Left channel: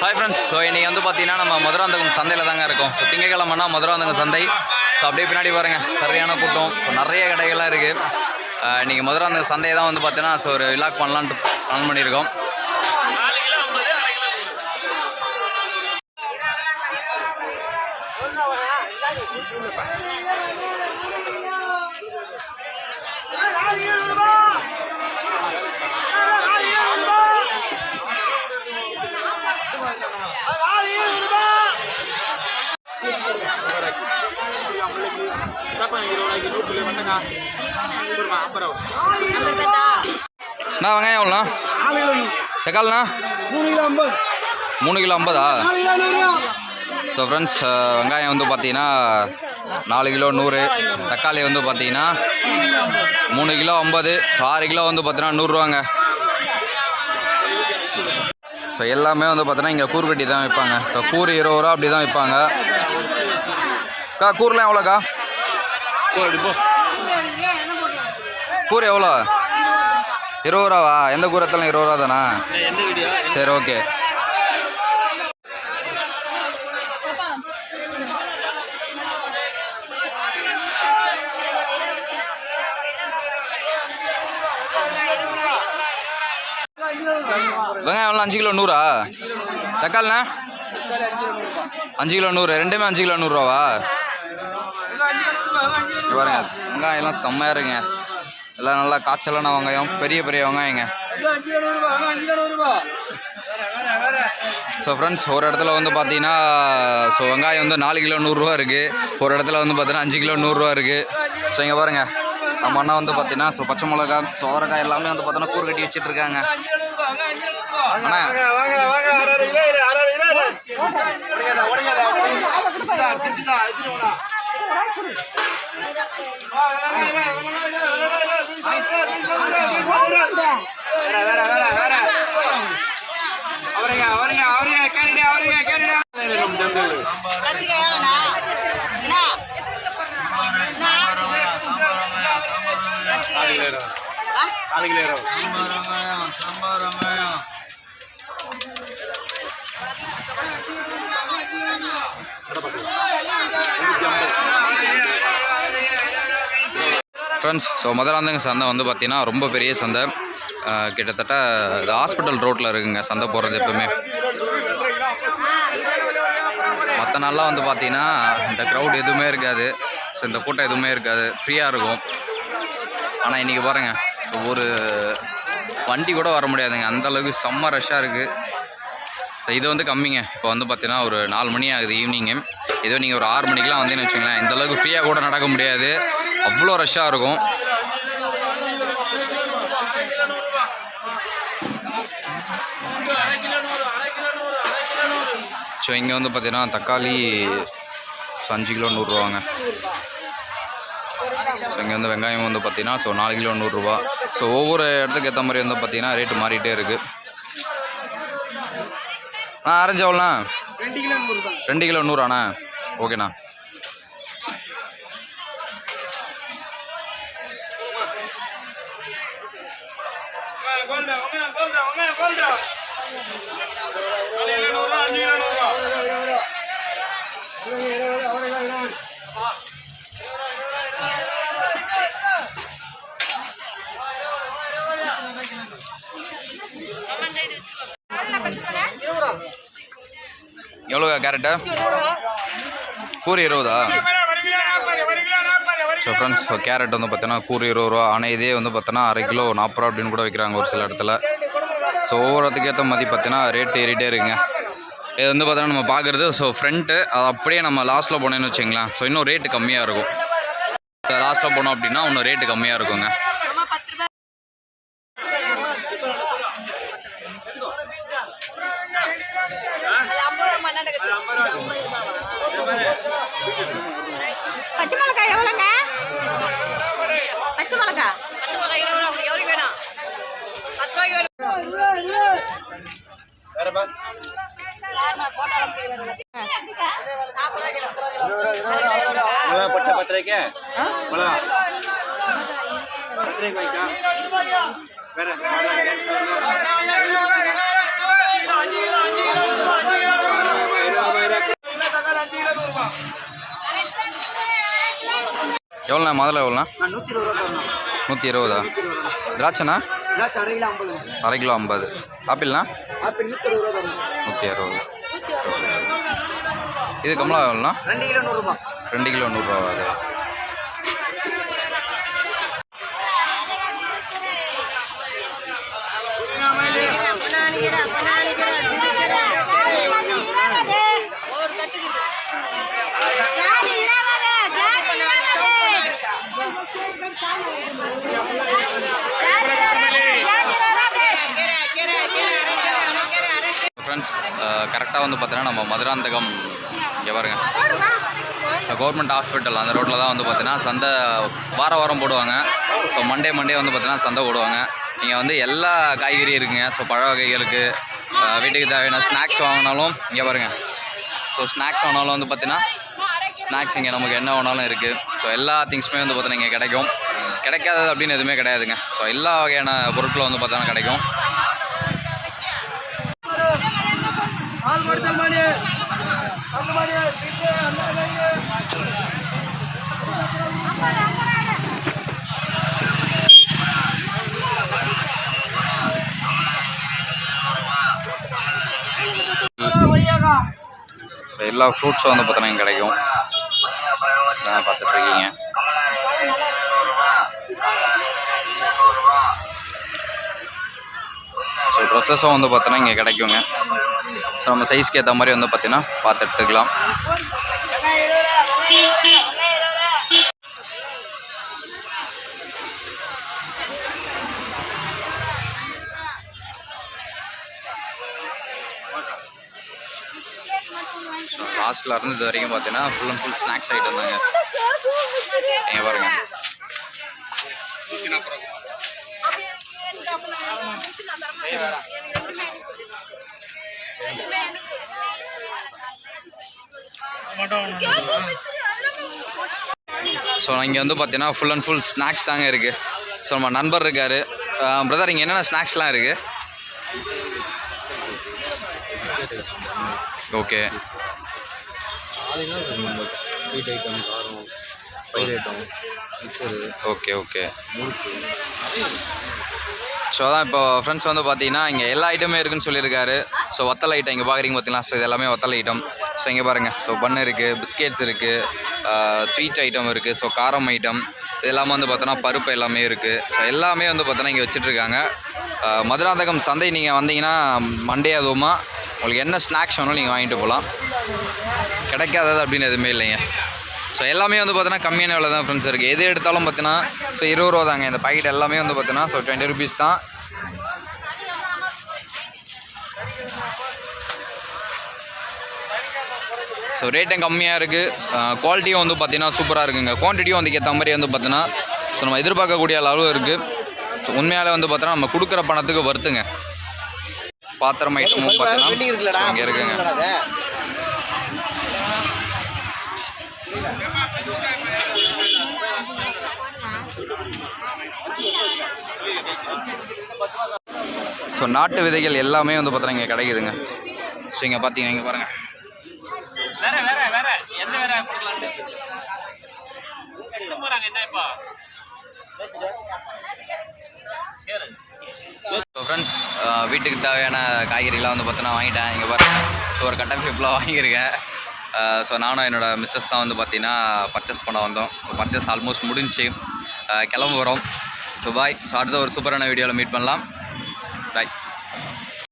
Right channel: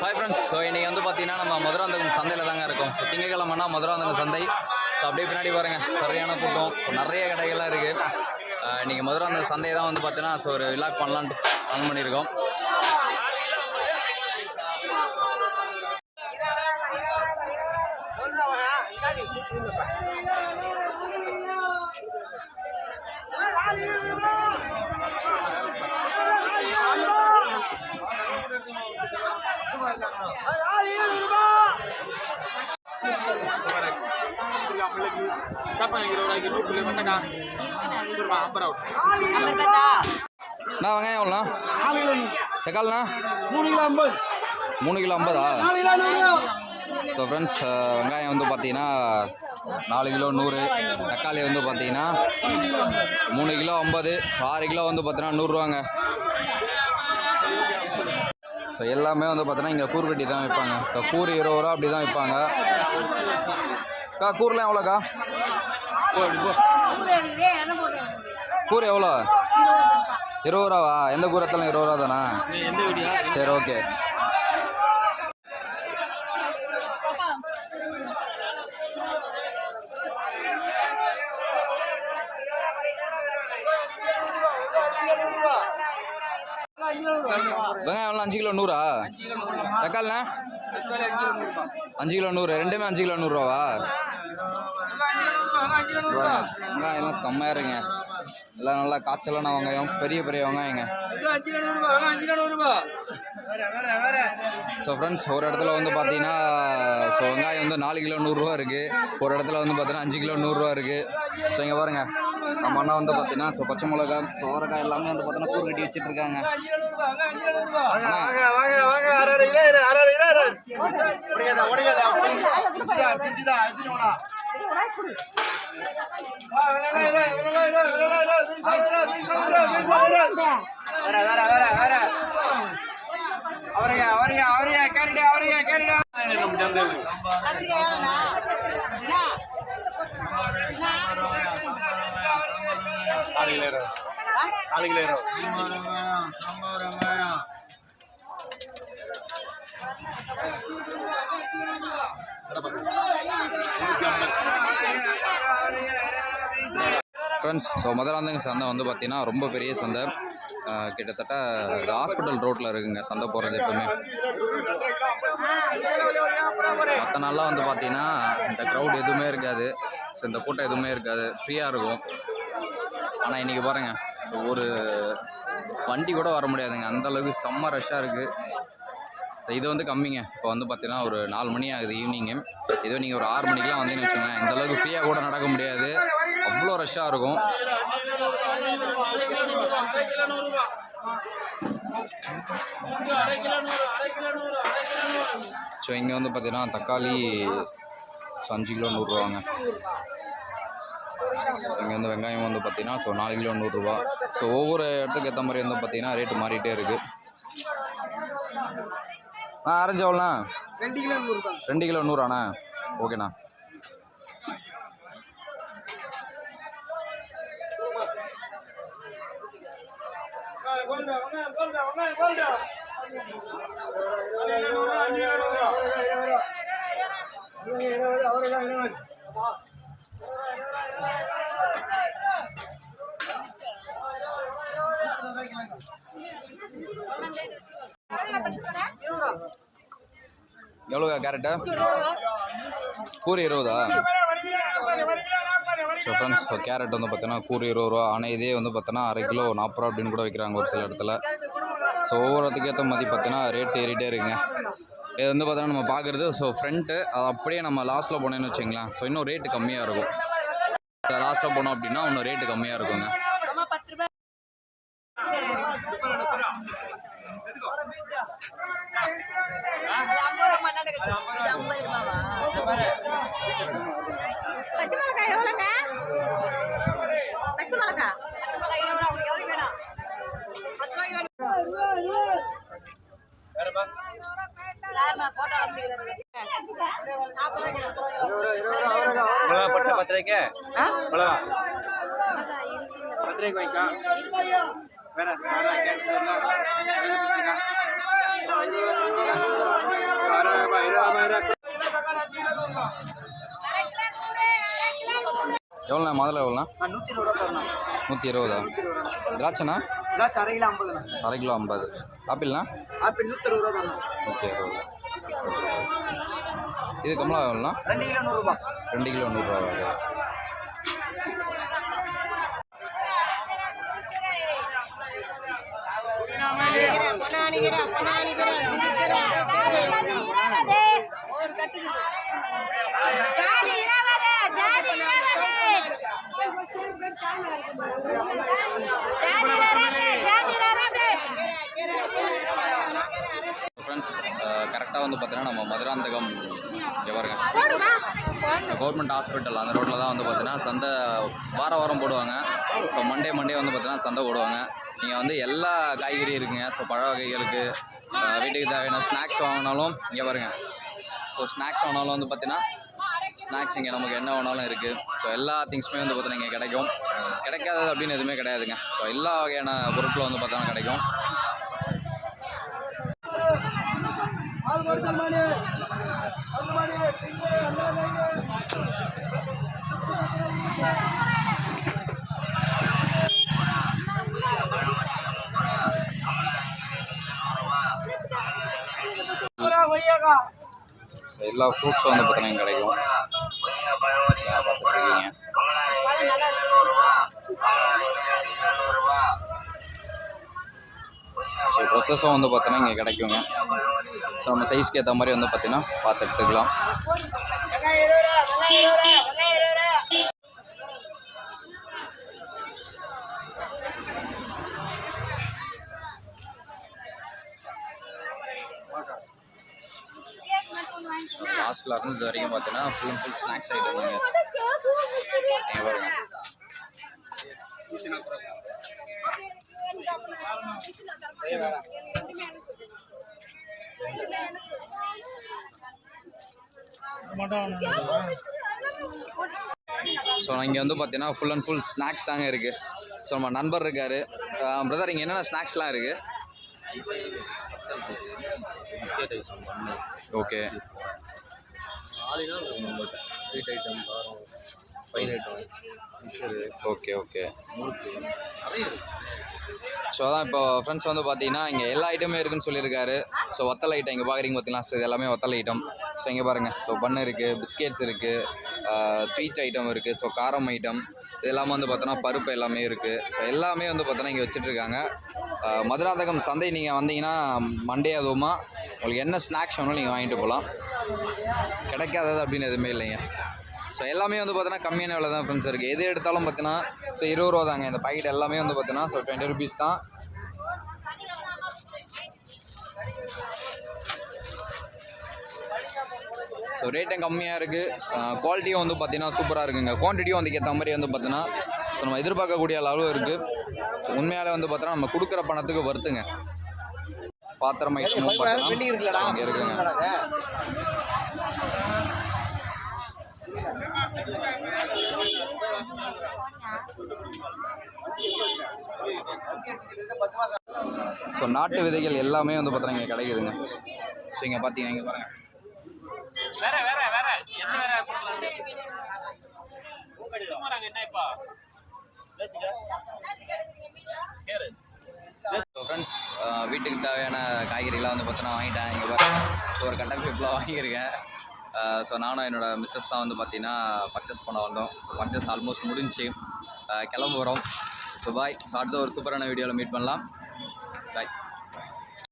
Hi friends so இன்றைக்கி வந்து பார்த்தீங்கன்னா நம்ம மதுராந்தகம் சந்தையில் தாங்க இருக்கோம். ஸோ திங்கக்கிழமைனா மதுராந்தகம் சந்தை. ஸோ அப்படியே பின்னாடி பாருங்கள் சரியான கூட்டம். ஸோ நிறைய கடைகள்லாம் இருக்குது இன்றைக்கி மதுராந்தகம் சந்தையை தான் வந்து பார்த்தீங்கன்னா ஸோ ஒரு விலாக் பண்ணலான்ட்டு பிளான் பண்ணியிருக்கோம். Berapa அண்ணா வெங்காயம் எவ்வளோண்ணா தக்காளிண்ணா? மூணு கிலோ ஐம்பது? மூணு கிலோ ஐம்பதா ஸோ ஃப்ரெண்ட்ஸ் வெங்காயம் வந்து பார்த்தீங்கன்னா நாலு கிலோ நூறு தக்காளி வந்து பார்த்தீங்கன்னா மூணு கிலோ ஐம்பது ஸோ ஆறு கிலோ வந்து பார்த்தீங்கன்னா நூறுரூவாங்க. ஸோ எல்லாமே வந்து பார்த்தீங்கன்னா இங்கே கூறு கட்டி தான் விற்பாங்க. ஸோ கூறு இருபது ரூபா அப்படி தான் விற்பாங்க. அக்கா கூரெலாம் எவ்வளோக்கா? கூறு எவ்வளோ? இருபது ரூபாவா? எந்த கூரத்தெல்லாம் இருபது ரூபா தானா? சரி ஓகே. வெங்காயம் எவ்வளோ? அஞ்சு கிலோ நூறா? தக்காளிண்ணா அஞ்சு கிலோ நூறு. ரெண்டுமே அஞ்சு கிலோ நூறுரூவாவா பாருங்க வெங்காயம் எல்லாம் செம்மையாக இருக்குங்க. எல்லாம் நல்லா காய்ச்சலான வெங்காயம் பெரிய பெரிய வெங்காயங்க. ஸோ ஃப்ரெண்ட்ஸ் ஒரு இடத்துல வந்து பார்த்தீங்கன்னா ஸோ வெங்காயம் வந்து நாலு கிலோ நூறுரூவா இருக்குது ஒரு இடத்துல வந்து பார்த்தீங்கன்னா அஞ்சு கிலோ நூறுரூவா இருக்குது ஸோ இங்கே பாருங்கள் நம்ம அண்ணா வந்து பார்த்தீங்கன்னா ஸோ பச்சை மிளகா சோரக்காய் எல்லாமே வந்து பார்த்தீங்கன்னா கூறு கட்டி வச்சுட்டு இருக்காங்க அண்ணா வாங்க வாங்க அரை அரை கிலோ இரு, அரை அரை கிலோ இரு. உடைக்காதா, உடைக்காதா, திட்டுதா, திட்டுதா, திட்டு வேணா. வா, வேற, வேற, வேற, வேற, வேற, வேற, வேற, வீண் சாப்பிடுறா, வீண் சாப்பிடுறா, வீண் சாப்பிடுறா. வேற, வேற, வேற, வேற. அவரையா, அவரையா, அவரையா, கேளுடா, அவரையா, கேளுடா. ஃப்ரெண்ட்ஸ் ஸோ மதுராந்தங்க சந்தை வந்து பார்த்தீங்கன்னா ரொம்ப பெரிய சந்தை. கிட்டத்தட்ட இது ஹாஸ்பிட்டல் ரோட்டில் இருக்குங்க சந்தை போகிறது எப்பவுமே. நாளெலாம் வந்து பார்த்தீங்கன்னா இந்த க்ரௌட் எதுவுமே இருக்காது. ஸோ இந்த கூட்டம் எதுவுமே இருக்காது. ஃப்ரீயாக இருக்கும். ஆனால் இன்றைக்கி பாருங்கள் ஸோ ஒரு வண்டி கூட வர முடியாதுங்க. அந்தளவுக்கு செம்ம ரஷ்ஷாக இருக்குது இது வந்து கம்மிங்க. இப்போ வந்து பார்த்தீங்கன்னா ஒரு நாலு மணி ஆகுது ஈவினிங்கு இதோ நீங்கள் ஒரு ஆறு மணிக்கெலாம் வந்தீங்கன்னு வச்சுங்களேன் இந்தளவுக்கு ஃப்ரீயாக கூட நடக்க முடியாது. அவ்வளோ ரஷ்ஷாக இருக்கும். ஸோ இங்கே வந்து பார்த்தீங்கன்னா தக்காளி ஸோ அஞ்சு கிலோ நூறுரூவாங்க. ஸோ இங்கே வந்து வெங்காயம் வந்து பார்த்தீங்கன்னா ஸோ நாலு கிலோ நூறுரூவா. ஸோ ஒவ்வொரு இடத்துக்கு ஏற்ற மாதிரி வந்து பார்த்தீங்கன்னா ரேட்டு மாறிட்டே இருக்குது ஆ ஆரஞ்சு எவ்வளோண்ணா? ரெண்டு கிலோ நூறு தான் ரெண்டு கிலோ நூறாண்ணா? ஓகேண்ணா கேரட்டு? கூறு இருபதா? ஸோ ஃப்ரெண்ட்ஸ் கேரட் வந்து பார்த்தீங்கன்னா கூறு இருபது ரூபா ஆனால் இதே வந்து பார்த்தோன்னா அரை கிலோ நாற்பது ரூபா அப்படின்னு கூட வைக்கிறாங்க ஒரு சில இடத்துல. ஸோ ஒவ்வொருத்துக்கேற்ற ஏற்ற மாதிரி பார்த்தீங்கன்னா ரேட் ஏறிட்டே இருக்குங்க. இது வந்து பார்த்தோன்னா நம்ம பார்க்குறது ஸோ ஃப்ரண்ட்டு அது அப்படியே நம்ம லாஸ்ட்டில் போனேன்னு வச்சுங்களேன் ஸோ இன்னும் ரேட்டு கம்மியாக இருக்கும். லாஸ்ட்டில் போனோம் அப்படின்னா இன்னும் ரேட்டு கம்மியாக இருக்குங்க. பர்த்டே கோயிக்கா வேற எவ்வளோண்ணா முதல்ல எவ்வளோண்ணா? நூற்றி இருபதா திராட்சைண்ணா? அரை கிலோ ஐம்பது. ஆப்பிள்ண்ணா? ஆப்பிள் நூற்றி அறுபது நூற்றி அறுபது. இது கமலா எவ்வளோண்ணா? ரெண்டு கிலோ நூறுரூவா ரெண்டு கிலோ நூறுரூவா ஃப்ரெண்ட்ஸ் கரெக்டாக uh, வந்து பார்த்தீங்கன்னா நம்ம மதுராந்தகம் இங்கே பாருங்க. ஸோ கவர்மெண்ட் ஹாஸ்பிட்டல் அந்த ரோட்டில் தான் வந்து பார்த்தீங்கன்னா சந்தை வார வாரம் போடுவாங்க. ஸோ மண்டே மண்டே வந்து பார்த்தீங்கன்னா சந்தை போடுவாங்க. நீங்கள் வந்து எல்லா காய்கறியும் இருக்குங்க. ஸோ பழ வகைகளுக்கு வீட்டுக்கு தேவையான ஸ்நாக்ஸ் வாங்கினாலும் இங்கே பாருங்கள் ஸோ ஸ்நாக்ஸ் வாங்கினாலும் வந்து பார்த்தீங்கன்னா ஸ்நாக்ஸ் இங்கே நமக்கு என்ன வேணாலும் இருக்குது ஸோ எல்லா திங்ஸுமே வந்து பார்த்தீங்கன்னா இங்கே கிடைக்கும். கிடைக்காதது அப்படின்னு எதுவுமே கிடையாதுங்க. ஸோ எல்லா வகையான பொருட்களும் வந்து பார்த்தோன்னா கிடைக்கும். எல்லா ஃப்ரூட்ஸும் வந்து பார்த்தோன்னா இங்கே கிடைக்கும். இதான் பார்த்துட்டு இருக்கீங்க ஸோ ட்ரெஸ்ஸஸும் வந்து பார்த்தோன்னா இங்கே கிடைக்குங்க. ஸோ நம்ம சைஸ்க்கு ஏற்ற மாதிரி வந்து பார்த்தீங்கன்னா பார்த்து எடுத்துக்கலாம் ஸோ இருந்தது இருந்து இது வரைக்கும் பார்த்தீங்கன்னா full and full snacks item தாங்க. நீங்க பாருங்க. ஸோ இங்கே வந்து பார்த்தீங்கன்னா ஃபுல் அண்ட் ஃபுல் ஸ்நாக்ஸ் தாங்க இருக்குது ஸோ நம்ம நண்பர் இருக்கார். பிரதர் இங்கே என்னென்ன ஸ்நாக்ஸ்லாம் இருக்குது ஓகே ஓகே ஓகே. ஸோ அதான் இப்போ ஃப்ரெண்ட்ஸ் வந்து பார்த்தீங்கன்னா இங்கே எல்லா ஐட்டமே இருக்குன்னு சொல்லியிருக்காரு. ஸோ வத்தல் ஐட்டம் இங்கே பார்க்குறீங்க பார்த்தீங்களா ஸோ இது எல்லாமே வத்தல் ஐட்டம் ஸோ இங்கே பாருங்கள் ஸோ பண்ணு இருக்குது பிஸ்கெட்ஸ் இருக்குது ஸ்வீட் ஐட்டம் இருக்குது ஸோ காரம் ஐட்டம் இது எல்லாமே வந்து பார்த்தோன்னா பருப்பு எல்லாமே இருக்குது ஸோ எல்லாமே வந்து பார்த்தோன்னா இங்கே வச்சிட்ருக்காங்க. மதுராந்தகம் சந்தை நீங்கள் வந்தீங்கன்னா மண்டே அதுவுமா உங்களுக்கு என்ன ஸ்நாக்ஸ் வேணாலும் நீங்கள் வாங்கிட்டு போகலாம் கிடைக்காதது அப்படின்னு எதுவுமே இல்லைங்க. ஸோ எல்லாமே வந்து பார்த்தீங்கன்னா கம்மியான விலை தான் ஃப்ரெண்ட்ஸ் இருக்குது எது எடுத்தாலும் பார்த்தீங்கன்னா ஸோ இருபது ரூபா தாங்க. இந்த பாக்கெட் எல்லாமே வந்து பார்த்தீங்கன்னா ஸோ டுவெண்ட்டி ருபீஸ் தான். ஸோ ரேட்டும் கம்மியாக இருக்குது குவாலிட்டியும் வந்து பார்த்தீங்கன்னா சூப்பராக இருக்குங்க. குவான்டிட்டியும் வந்து ஏற்ற மாதிரி வந்து பார்த்தீங்கன்னா ஸோ நம்ம எதிர்பார்க்கக்கூடிய அளவு இருக்குது ஸோ உண்மையாலே வந்து பார்த்தோன்னா நம்ம கொடுக்குற பணத்துக்கு வருத்துங்க. பாத்திரம் ஐட்டமும் பார்த்தீங்கன்னா இங்கே இருக்குங்க. ஸோ நாட்டு விதைகள் எல்லாமே வந்து பார்த்தீங்கன்னா இங்கே கிடைக்குதுங்க. ஸோ இங்கே பார்த்தீங்கன்னா இங்கே பாருங்கள் ஸோ ஃப்ரெண்ட்ஸ் வீட்டுக்கு தேவையான காய்கறிலாம் வந்து பார்த்தோன்னா வாங்கிட்டேன். இங்கே பாருங்க. ஸோ ஒரு கட்டன் ஃபிப்லாம் வாங்கியிருக்கேன். ஸோ நானும் என்னோட மிஸ்ஸஸ் தான் வந்து பார்த்தீங்கன்னா பர்ச்சேஸ் பண்ண வந்தோம். ஸோ பர்ச்சேஸ் ஆல்மோஸ்ட் முடிஞ்சு கிளம்ப வரோம் ஸோ பாய் ஸோ அடுத்த ஒரு சூப்பரான வீடியோவில் மீட் பண்ணலாம். பாய்